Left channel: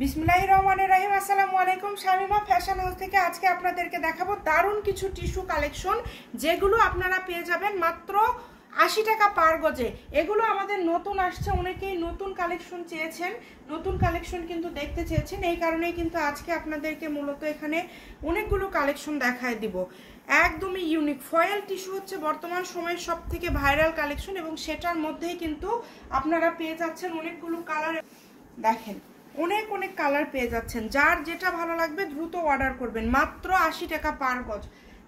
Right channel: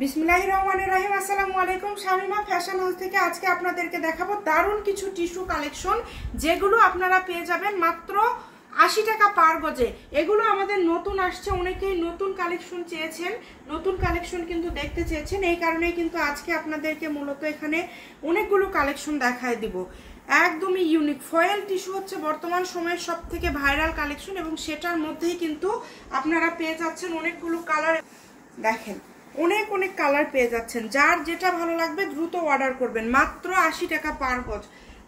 বিসমিল্লাহির রহমানির রহিম। আসসালামু আলাইকুম। শামিমা ফ্যাশন হাউস থেকে আজকে আপনাদেরকে দেখাবো দারুণ কিছু টিস্যু কালেকশন, যেগুলো আপনারা পেয়ে যাবেন মাত্র 80 টাকা পার গজে। এগুলো আমাদের নতুন আসছে, অনেকেই নতুন কালেকশন চেয়েছেন, নতুন কালেকশন কিন্তু দেখতে চেয়েছেন। এই কারণেই কিন্তু আজকে আপনাদেরকে মূলত এখানে অনেকগুলো কালেকশন দেখায় দিব। একদমই ইউনিক ফয়েল টিস্যু হচ্ছে বর্তমান সময়ের সব থেকে ভাইরাল কালেকশন, এবং সেটার মধ্যেই কিন্তু আপনারা পেয়ে যাচ্ছেন অনেকগুলো কালার। দেখেন অনেক অনেক কালার পেয়ে যাচ্ছেন, যার যেটা ভালো লাগবে দ্রুত অর্ডার করবেন। মাত্র 80 টাকা পার গজ,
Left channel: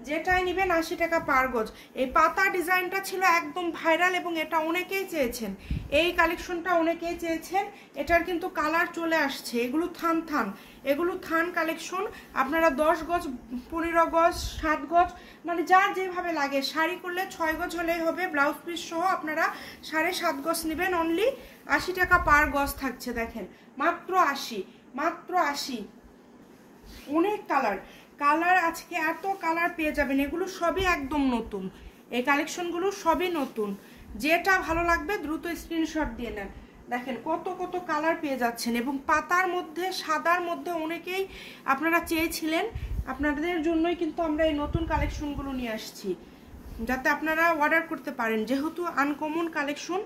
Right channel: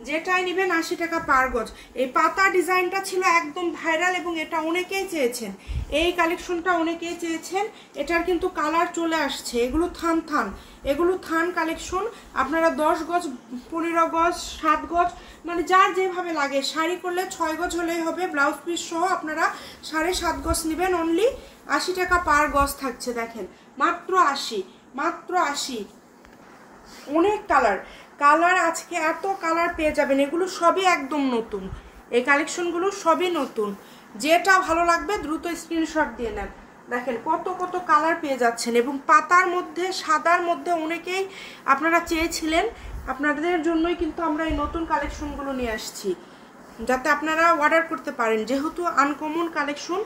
যেটাই নেবেন 80 টাকা পার গজ। এই পাতা ডিজাইনটা ছিল একদম ভাইরাল এবং এটা অনেকেই চেয়েছেন, এই কালেকশনটা অনেকেই চেয়েছেন। এটার কিন্তু কালার চলে আসছে। এগুলো এগুলো থান কালেকশন। আপনারা 10 গজ, 15 গজ, 7 গজ, মানে যার যেভাবে লাগে। শাড়ি করলে 6 গজ হলেই হবে, ব্লাউজ পিস সহ আপনারা 7.5 গজ নেবেন। অনলি 80 টাকা পার গজ থাকছে। দেখেন মাত্র 80, মাত্র 80। অনেক কালার আজকে এত কালার পেয়ে যাবেন। এগুলো সবই একদম নতুন, এই কালেকশনগুলো সবই নতুন। যেটা ভালো লাগবে দ্রুত স্ক্রিনশট দিয়ে নেন। দেখেন কত কত কালার পেয়ে যাচ্ছেন, এবং পাতার মধ্যে, সাদার মধ্যে অনেকেই আপনারা চেয়েছিলেন। আপনাদের জন্যই কিন্তু আমরা এই নতুন কালেকশনগুলো নিয়ে আসছি, যাতে আপনারা অর্ডার করতে পারেন। যেহেতু আনকমন কালেকশন,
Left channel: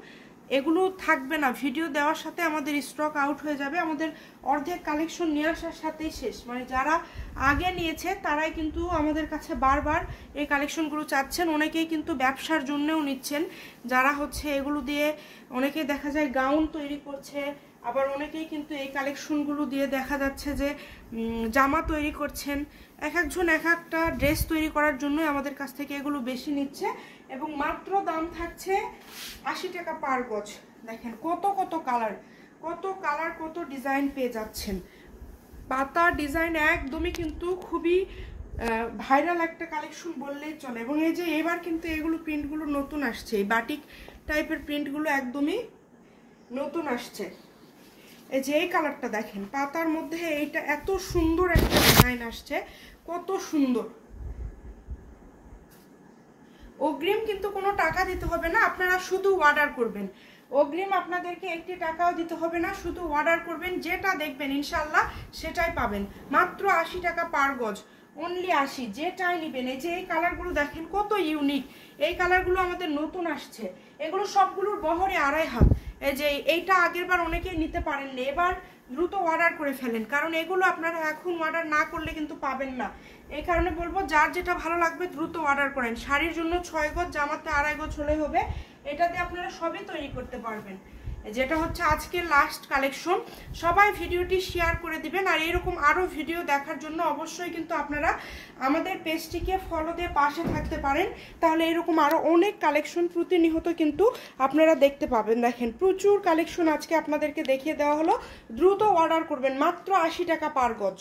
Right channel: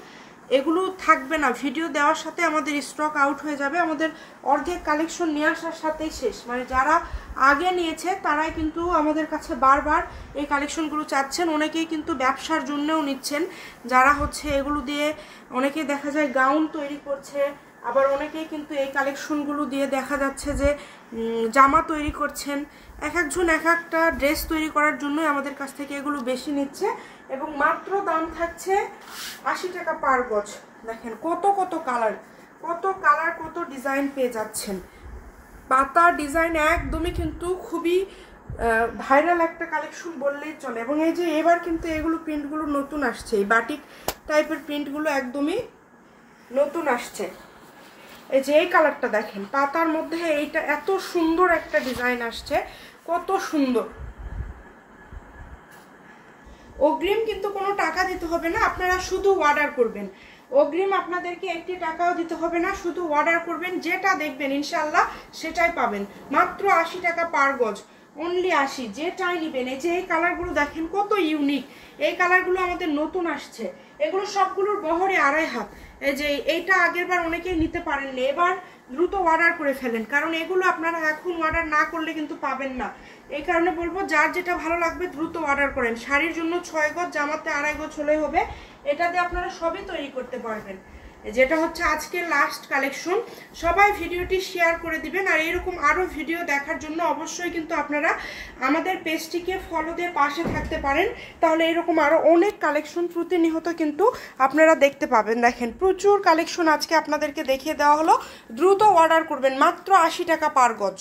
এগুলো থাকবে না, ভিডিও দেওয়ার সাথে আমাদের স্টক আউট হয়ে যাবে। আমাদের অর্ধেক কালেকশন নিয়ে আসার সাথেই শেষ। মানে যারা আগে নিয়েছে তারাই কিন্তু আমাদের কাছে বারবার এই কালেকশনগুলো চাচ্ছেন। অনেকেই কিন্তু ব্যবসার জন্যও নিচ্ছেন, যারা হচ্ছে এগুলো দিয়ে অনেকেই দেখা যায় গাউন তৈরি করছে, আবার অনেকেই কিন্তু এই কালেকশনগুলো দিয়ে দেখা যাচ্ছে যে জামা তৈরি করছেন। এক একজন এক একটা ড্রেস তৈরি করার জন্যই আমাদের কাছ থেকে এগুলো বেশি নিচ্ছে, এবং মাত্র দাম থাকছে 80 টাকা পার গজ। দেখেন কত কত কালার, কত ডিজাইন পেয়ে যাচ্ছেন। পাতা ডিজাইন একদমই কিন্তু খুবই ভাইরাল একটা কালেকশন বললেই চলে। এবং এই যে এবার কিন্তু এগুলো প্রিন্টগুলো নতুন আসছে, এই বাটিক টাইপের প্রিন্টগুলো একদমই নতুন আসছে। এই যে এই কালারটা দেখেন, পাতার মধ্যে এইটা এত সুন্দর একটা ডিজাইন আসছে, কত সুন্দর। অগ্রিম কিন্তু কোনো টাকা দিতে হবে না, আপনারা শুধু অর্ডার করবেন। অগ্রিম আপনাদেরকে 1 টাকাও দিতে হবে না, শুধু অর্ডার করবেন। যেটা দেখবেন ইনশাল্লাহ সেটাই পাবেন। মাত্র 80 টাকা পার গজ, অনলি 80। যেটাই নেবেন। এই যে এই কালারগুলো দেখেন কত ইউনিক, এই কালারগুলো আমাদের নতুন আসছে। এগুলো সবগুলোর বহরে 2.5 হাত। এই যে এইটা আগের বার অনেকেই নিতে পারেননি, এবার দ্রুত অর্ডার করে ফেলেন, কারণ এগুলো আপনারা এখন অর্ডার না করলে কিন্তু পাবেন না। এই কারণে বলবো, যার যেটা ভালো লাগবে দ্রুত অর্ডার করেন। শাড়ির জন্য 6 গজ, জামাতে 2.5 গজ হলেই হবে। এটা দিয়ে আপনারা সবই তৈরি করতে পারবেন। যেটা হচ্ছে আজকের লাস্ট কালেকশন। সবাই ভিডিওটি শেয়ার করে দিবেন, আর এরকম আরো ভিডিও দেখার জন্য অবশ্যই কিন্তু আপনারা আমাদের পেজটিকে ফলো দিয়ে পাশে থাকতে পারেন। তাহলে এরকম আরো অনেক কালেকশন প্রতিনিয়ত কিন্তু আপনারা দেখতে পাবেন। দেখেন প্রচুর কালেকশন আজকে আপনাদেরকে দেখিয়ে দেওয়া হলো। দ্রুত অর্ডার করবেন, মাত্র 80 টাকা পার গজ।